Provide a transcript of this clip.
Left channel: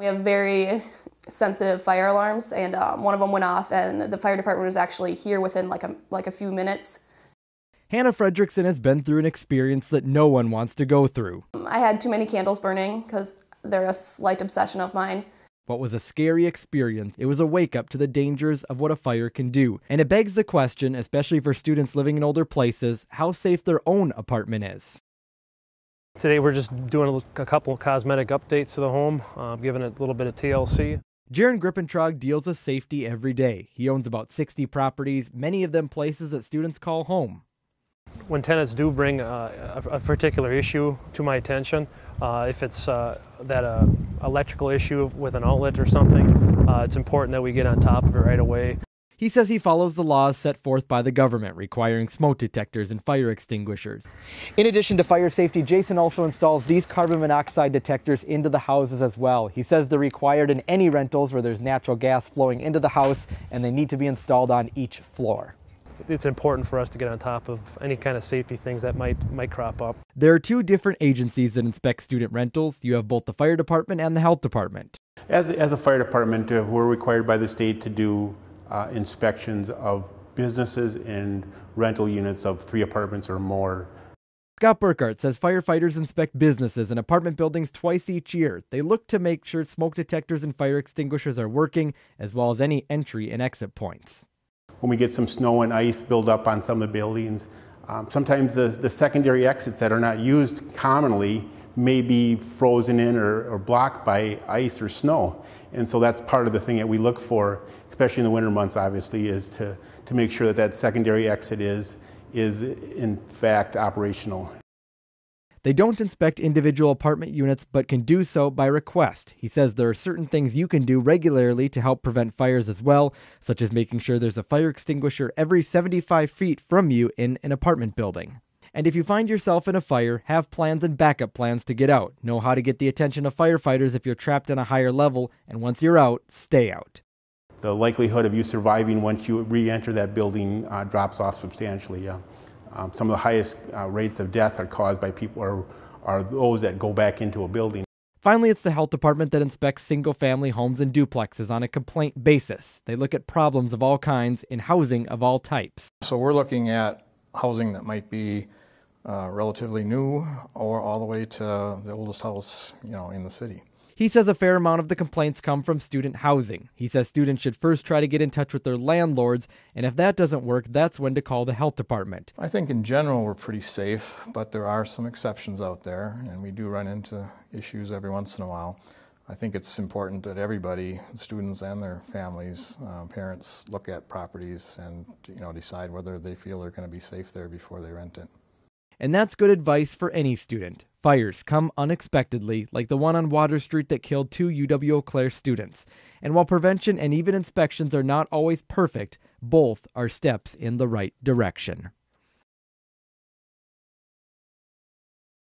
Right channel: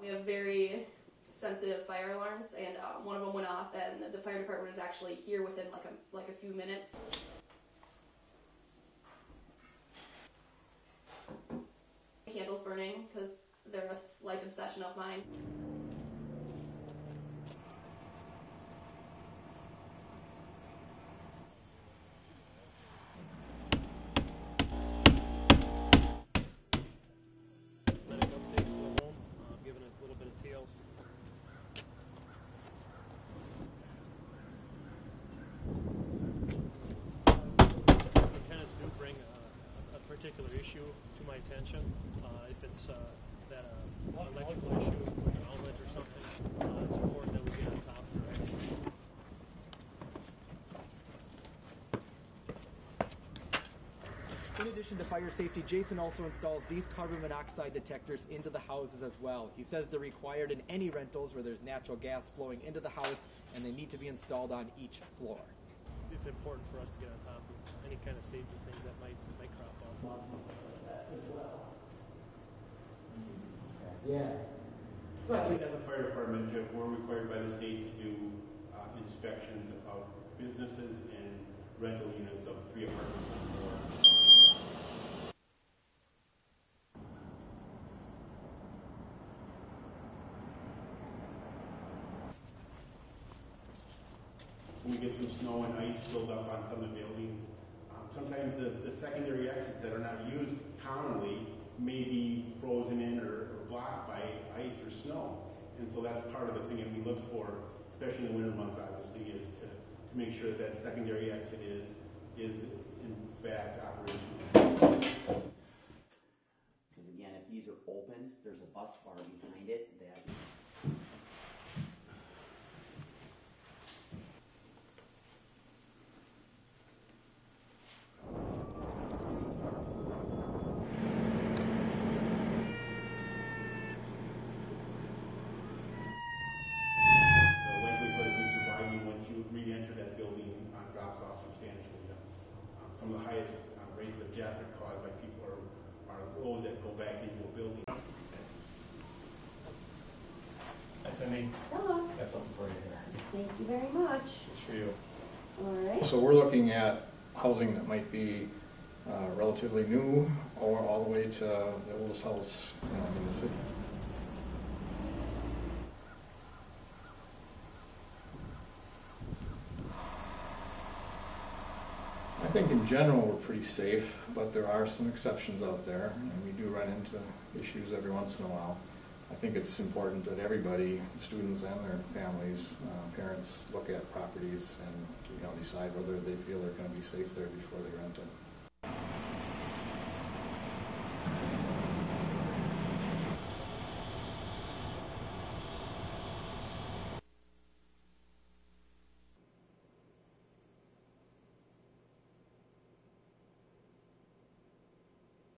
We have very sensitive fire alarms, and one of them went off, and the fire department was actually here within like a few minutes. Hannah Fredrickson has been through an experience that no one wants to go through. I had too many candles burning because they're a slight obsession of mine. What was a scary experience, it was a wake-up to the dangers of what a fire can do. And it begs the question, especially for students living in older places, how safe their own apartment is. Today we're just doing a couple of cosmetic updates to the home, giving it a little bit of TLC. Jaron Grippentrog deals with safety every day. He owns about 60 properties, many of them places that students call home. When tenants do bring a particular issue to my attention, if it's that electrical issue with an outlet or something, it's important that we get on top of it right away. He says he follows the laws set forth by the government requiring smoke detectors and fire extinguishers. In addition to fire safety, Jason also installs these carbon monoxide detectors into the houses as well. He says they're required in any rentals where there's natural gas flowing into the house, and they need to be installed on each floor. It's important for us to get on top of any kind of safety things that might crop up. There are two different agencies that inspect student rentals. You have both the fire department and the health department. As a fire department, we're required by the state to do inspections of businesses and rental units of 3 apartments or more. Scott Burkhardt says firefighters inspect businesses and apartment buildings twice each year. They look to make sure smoke detectors and fire extinguishers are working, as well as any entry and exit points. When we get some snow and ice build up on some of the buildings, sometimes the secondary exits that are not used commonly may be frozen in or blocked by ice or snow. And so that's part of the thing that we look for, especially in the winter months, obviously, is to make sure that that secondary exit is in fact operational. They don't inspect individual apartment units, but can do so by request. He says there are certain things you can do regularly to help prevent fires as well, such as making sure there's a fire extinguisher every 75 feet from you in an apartment building. And if you find yourself in a fire, have plans and backup plans to get out. Know how to get the attention of firefighters if you're trapped on a higher level, and once you're out, stay out. The likelihood of you surviving once you re-enter that building drops off substantially. Some of the highest rates of death are caused by people are those that go back into a building. Finally, it's the health department that inspects single-family homes and duplexes on a complaint basis. They look at problems of all kinds in housing of all types. So we're looking at housing that might be relatively new or all the way to the oldest house, in the city. He says a fair amount of the complaints come from student housing. He says students should first try to get in touch with their landlords, and if that doesn't work, that's when to call the health department. I think in general we're pretty safe, but there are some exceptions out there, and we do run into issues every once in a while. I think it's important that everybody, students and their families, parents, look at properties and decide whether they feel they're going to be safe there before they rent it. And that's good advice for any student. Fires come unexpectedly, like the one on Water Street that killed 2 UW-Eau Claire students. And while prevention and even inspections are not always perfect, both are steps in the right direction.